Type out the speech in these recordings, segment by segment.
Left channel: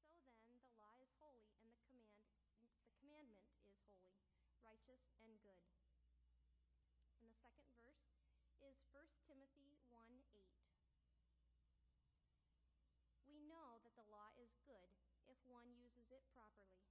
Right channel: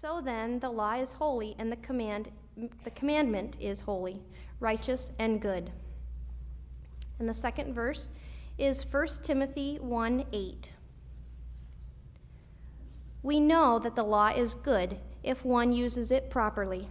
So then, the law is holy, and the commandment is holy, righteous, and good. And the second verse is 1 Timothy 1:8. We know that the law is good if one uses it properly.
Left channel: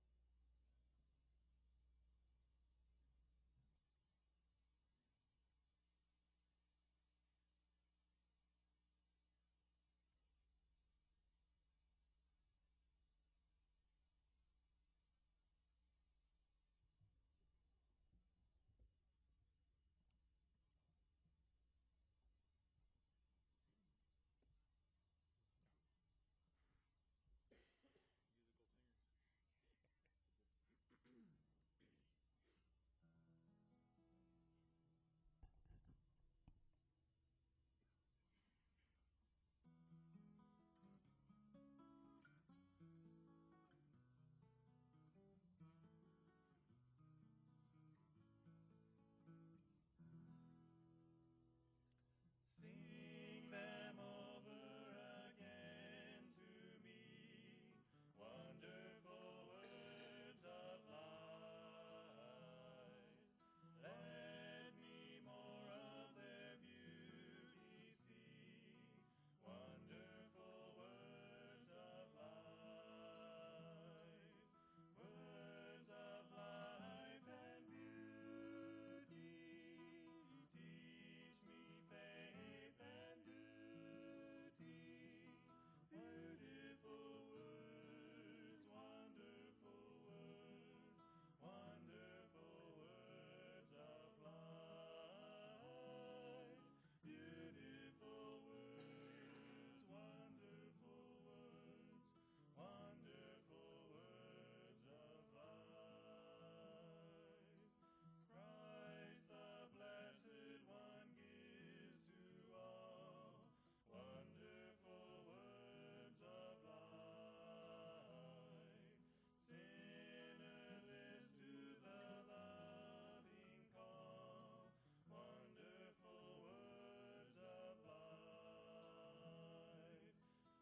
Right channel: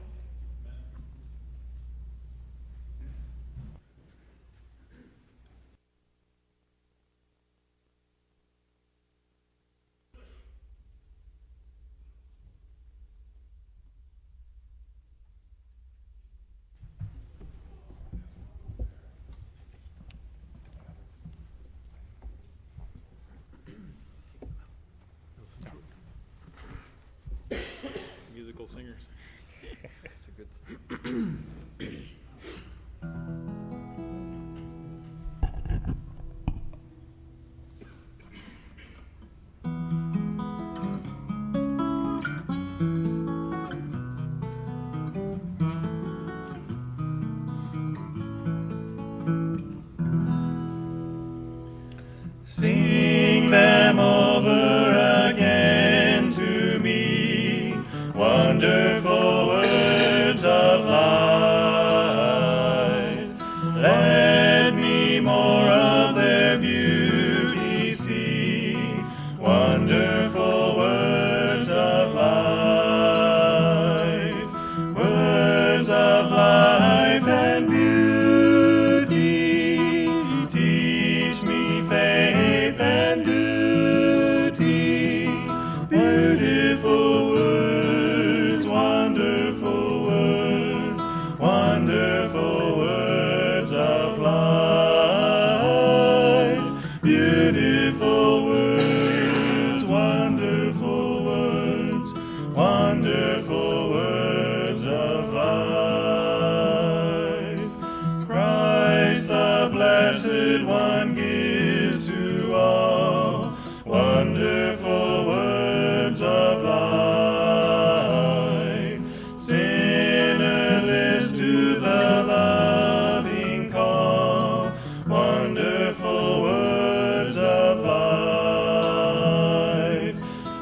Musical singers. That's a good Sing them over again to me, wonderful words of life. Let me more of their beauty see, wonderful words of life. Words of life and beauty, teach me faith and duty. Beautiful words, wonderful words, wonderful words of life. Beautiful words, wonderful words, wonderful words of life. Christ the Blessed One gives to all wonderful words of life. Sinnerless to the loving call, wonderful words of life.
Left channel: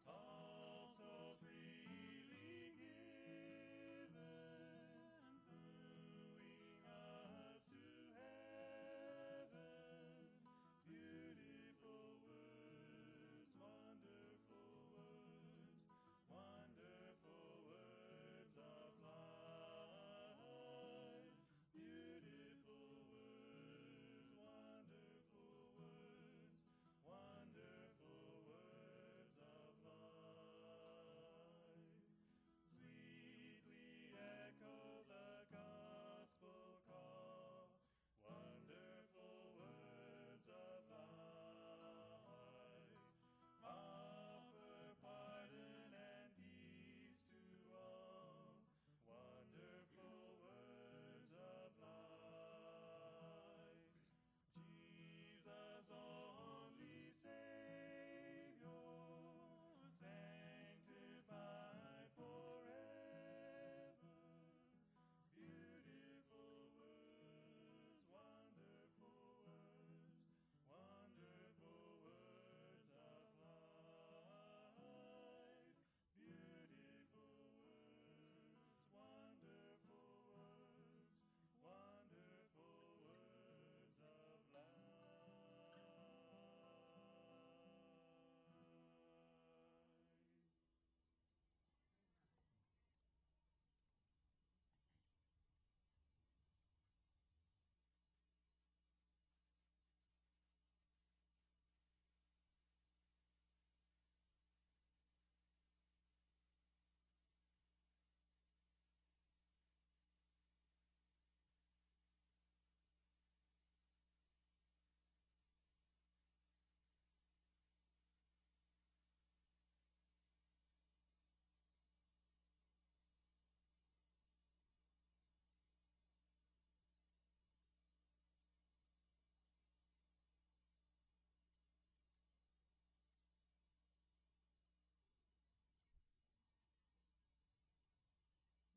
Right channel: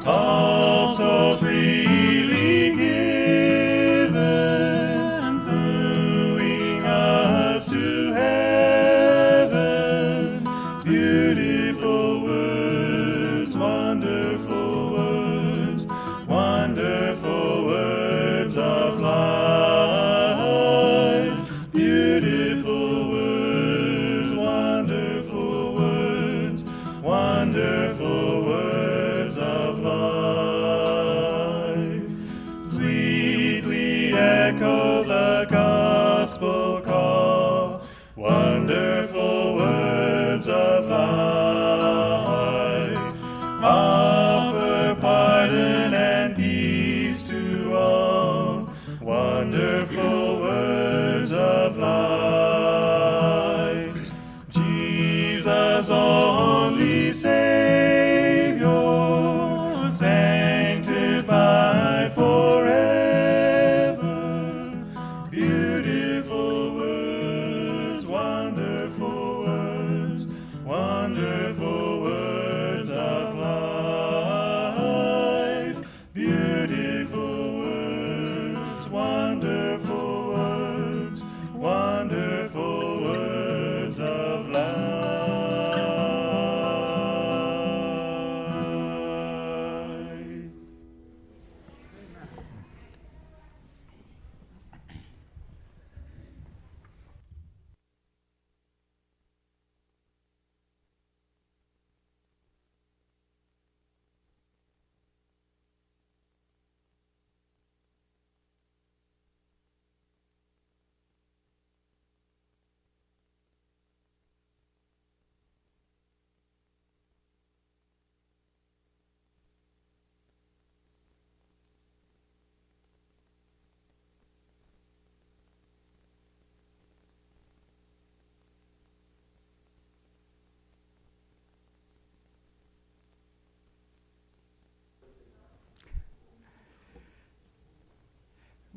Also freely given, wooing us to heaven. Beautiful words, wonderful words, wonderful words of life. Beautiful words, wonderful words, wonderful words of life. Sweetly echo the gospel call, wonderful words of life. Offer pardon and peace to all, wonderful words of life. Jesus, only Savior, sanctify forever. Beautiful words, wonderful words, wonderful words of life. Beautiful words, wonderful words, wonderful words of life.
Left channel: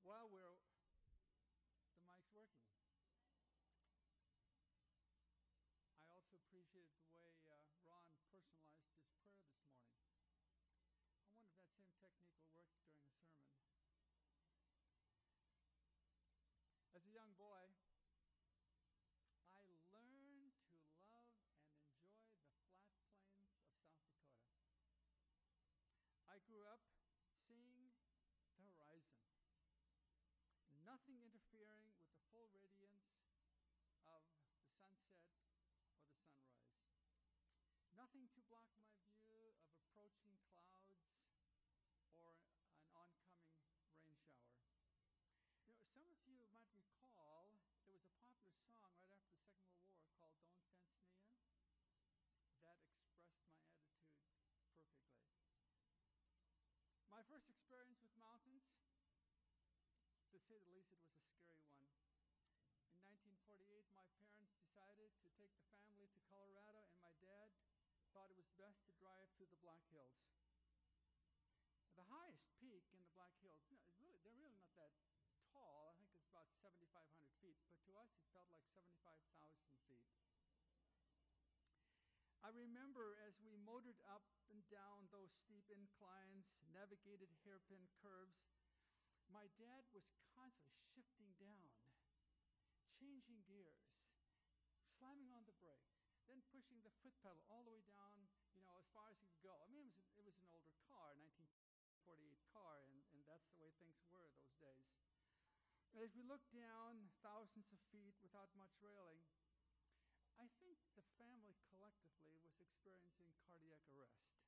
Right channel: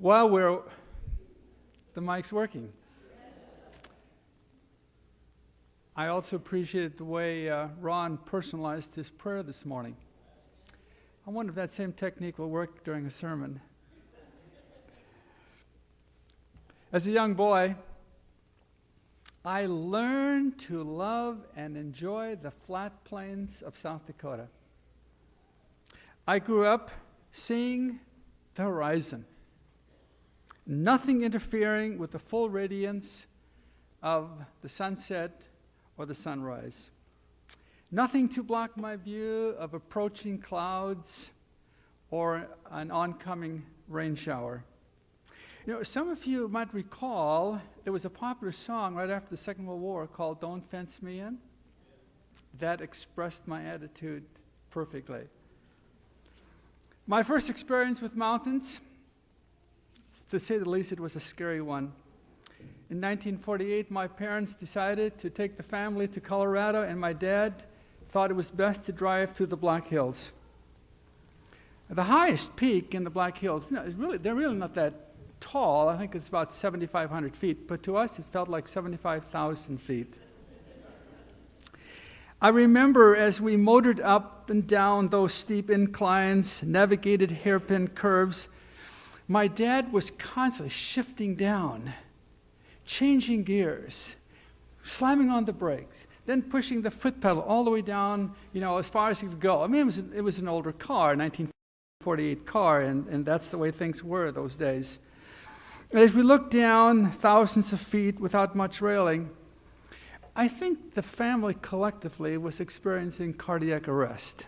Well, the mic's working. I also appreciated the way Ron personalized his prayer this morning. I wonder if that same technique will work during a sermon. As a young boy, I learned to love and enjoy the flat plains of South Dakota. I grew up seeing the horizon, nothing interfering with the full radiance of the sunset or the sunrise. Nothing to block my view of approaching clouds or an oncoming rain shower. You know, some of you might recall there was a popular song right after the Second World War called "Don't Fence Me In." That expressed my attitude perfectly. My first experience with mountains, to say the least, it was a scary one. In 1948, my parents decided to take the family to Colorado, and my dad thought it was best to drive to the Black Hills. The highest peak in the Black Hills, they're really not that tall. I think it's about 7,500 feet, but to us it felt like 75,000 feet. I remember as we motored up and down those steep inclines, navigated hairpin curves, my dad was constantly shifting down, changing gears, slamming on the brakes, then pushing the foot pedal all the way down, as far as he could go. I mean, it was an older car, 1948 car, and that's the way things were those days. And as we looked down thousands of feet without much railing, I think the family collectively was experiencing cardiac arrest.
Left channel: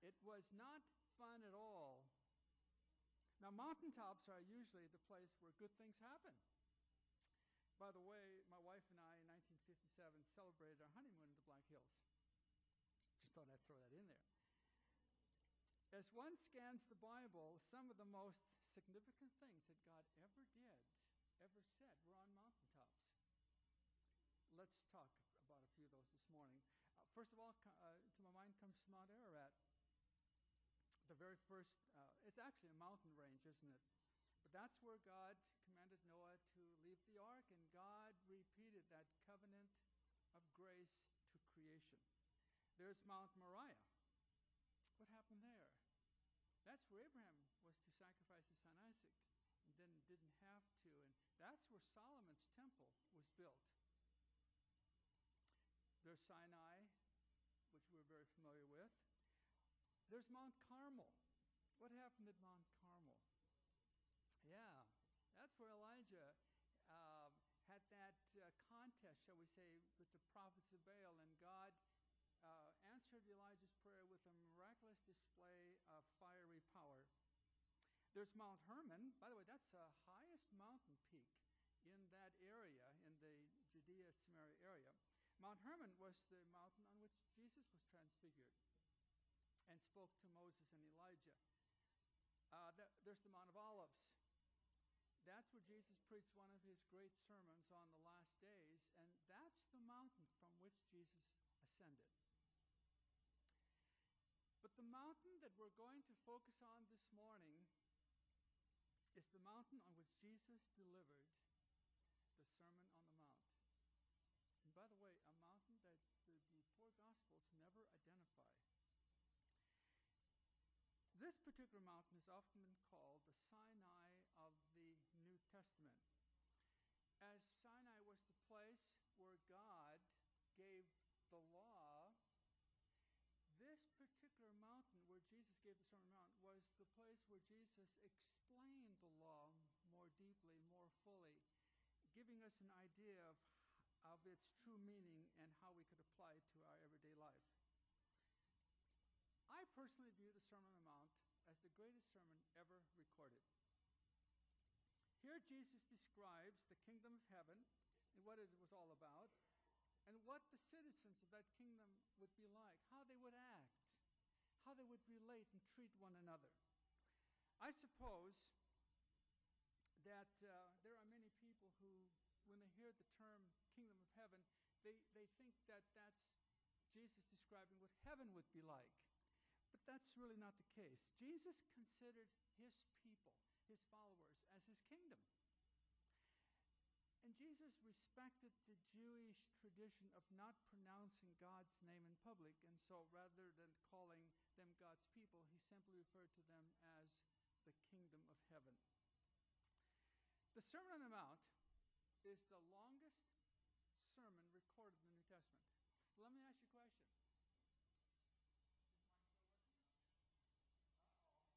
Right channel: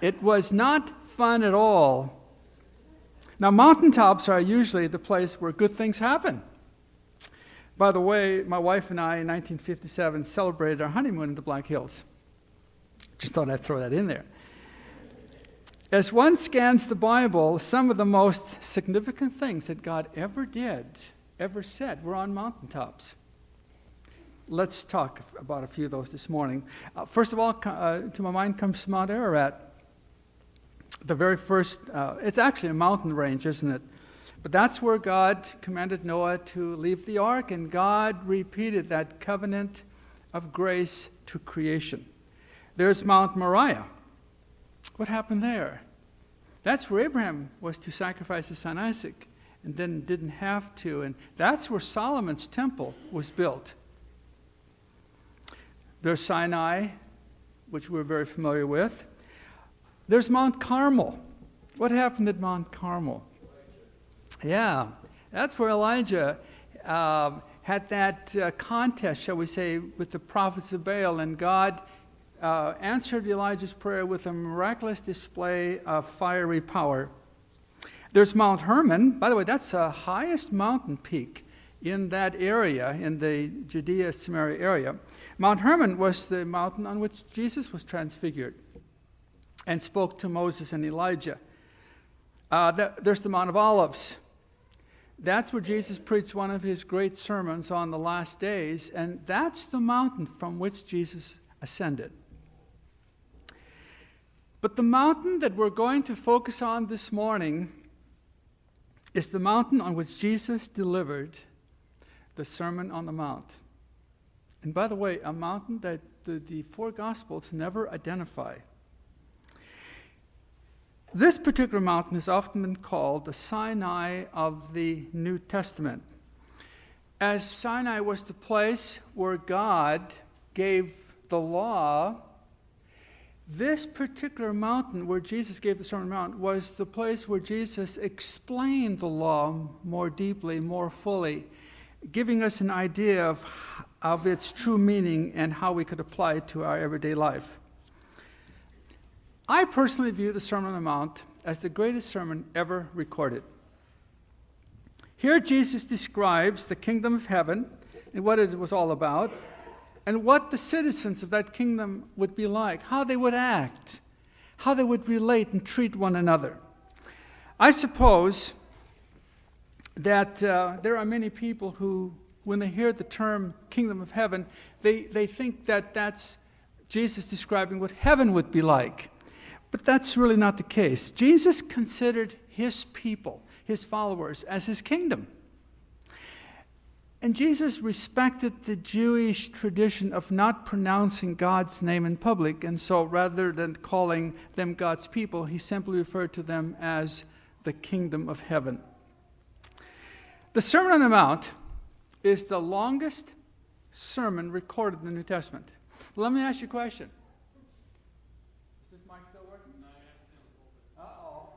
It was not fun at all. Now, mountaintops are usually the place where good things happen. By the way, my wife and I in 1957 celebrated our honeymoon in the Black Hills. Just thought I'd throw that in there. As one scans the Bible, some of the most significant things that God ever said, were on mountaintops. Let's talk about a few of those this morning. First of all, to my mind comes Mount Ararat. The very first, it's actually a mountain range, isn't it? But that's where God commanded Noah to leave the ark, and God repeated that covenant of grace to creation. There's Mount Moriah. What happened there? That's where Abraham was to sacrifice his son Isaac and then didn't have to. And that's where Solomon's temple was built. There's Sinai, which we're very familiar with. There's Mount Carmel. What happened at Mount Carmel? Yeah, that's where Elijah had that contest, shall we say, with the prophets of Baal, and God answered Elijah's prayer with a miraculous display of fiery power. There's Mount Hermon. By the way, that's the highest mountain peak in that area, in the Judea-Samaria area. Mount Hermon was the mountain on which Jesus was transfigured and spoke to Moses and Elijah. There's the Mount of Olives. That's where Jesus preached one of his great sermons on the last days, and that's the mountain from which Jesus ascended. But the mountain that we're going to focus on this morning is the mountain on which Jesus delivered the Sermon on the Mount. And by the way, a mountain that the four Gospels never identify. This particular mountain has often been called the Sinai of the New Testament, as Sinai was the place where God gave the law. This particular mountain where Jesus gave the Sermon on the Mount was the place where Jesus explained the law more deeply, more fully, giving us an idea of its true meaning and how we could apply it to our everyday life. I personally view the Sermon on the Mount as the greatest sermon ever recorded. Here Jesus describes the kingdom of heaven and what it was all about, and what the citizens of that kingdom would be like, how they would act, how they would relate and treat one another. I suppose that there are many people who, when they hear the term kingdom of heaven, they think that that's Jesus describing what heaven would be like. But that's really not the case. Jesus considered his people, his followers, as his kingdom. And Jesus respected the Jewish tradition of not pronouncing God's name in public, and so rather than calling them God's people, he simply referred to them as the kingdom of heaven. The Sermon on the Mount is the longest sermon recorded in the New Testament. Let me ask you a question. Is this mic still working? Uh-oh.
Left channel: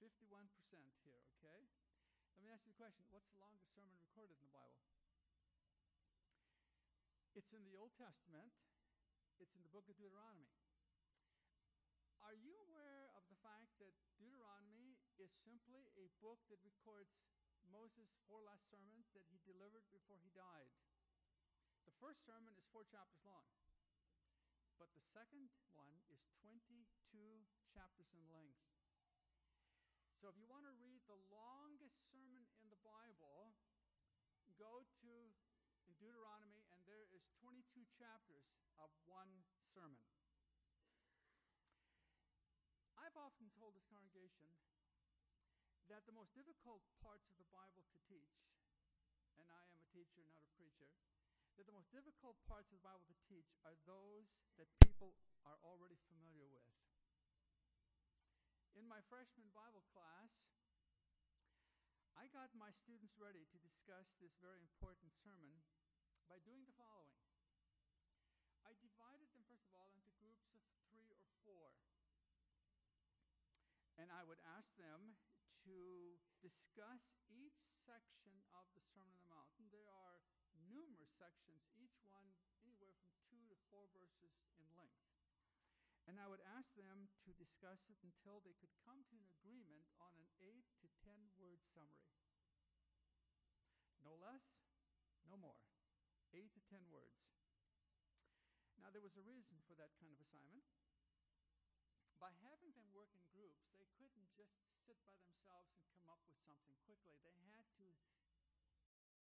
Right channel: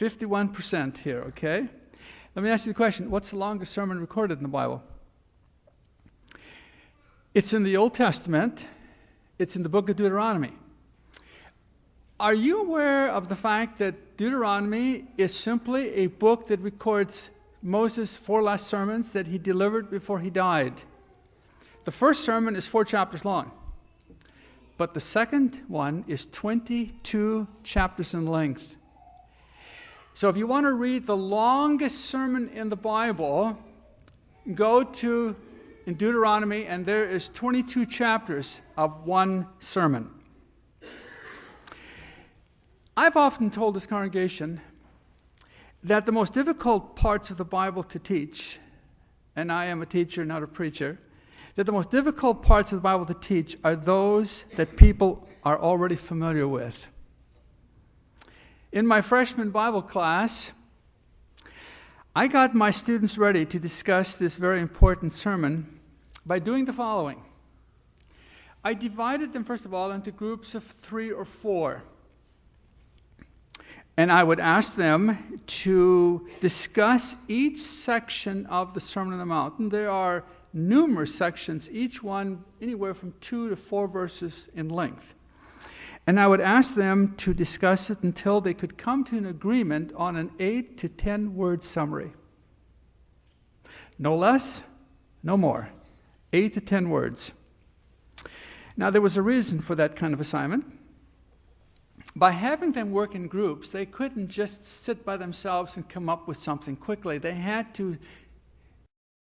51% here, okay? Let me ask you the question. What's the longest sermon recorded in the Bible? It's in the Old Testament. It's in the book of Deuteronomy. Are you aware of the fact that Deuteronomy is simply a book that records Moses' 4 last sermons that he delivered before he died? The first sermon is 4 chapters long, but the second one is 22 chapters in length. So if you want to read the longest sermon in the Bible, go to in Deuteronomy, and there is 22 chapters of one sermon. I've often told this congregation that the most difficult parts of the Bible to teach, and I am a teacher, not a preacher, that the most difficult parts of the Bible to teach are those that people are already familiar with. In my freshman Bible class, I got my students ready to discuss this very important sermon by doing the following. I divided them, first of all, into groups of 3 or 4. And I would ask them to discuss each section of the Sermon on the Mount. And there are numerous sections, each one anywhere from 2 to 4 verses in length. And I would ask them to discuss it until they could come to an agreement on an 8 to 10 word summary. No less, no more. 8 to 10 words. Now, there was a reason for that kind of assignment. By having them work in groups, they couldn't just sit by themselves and come up with something quickly. They had to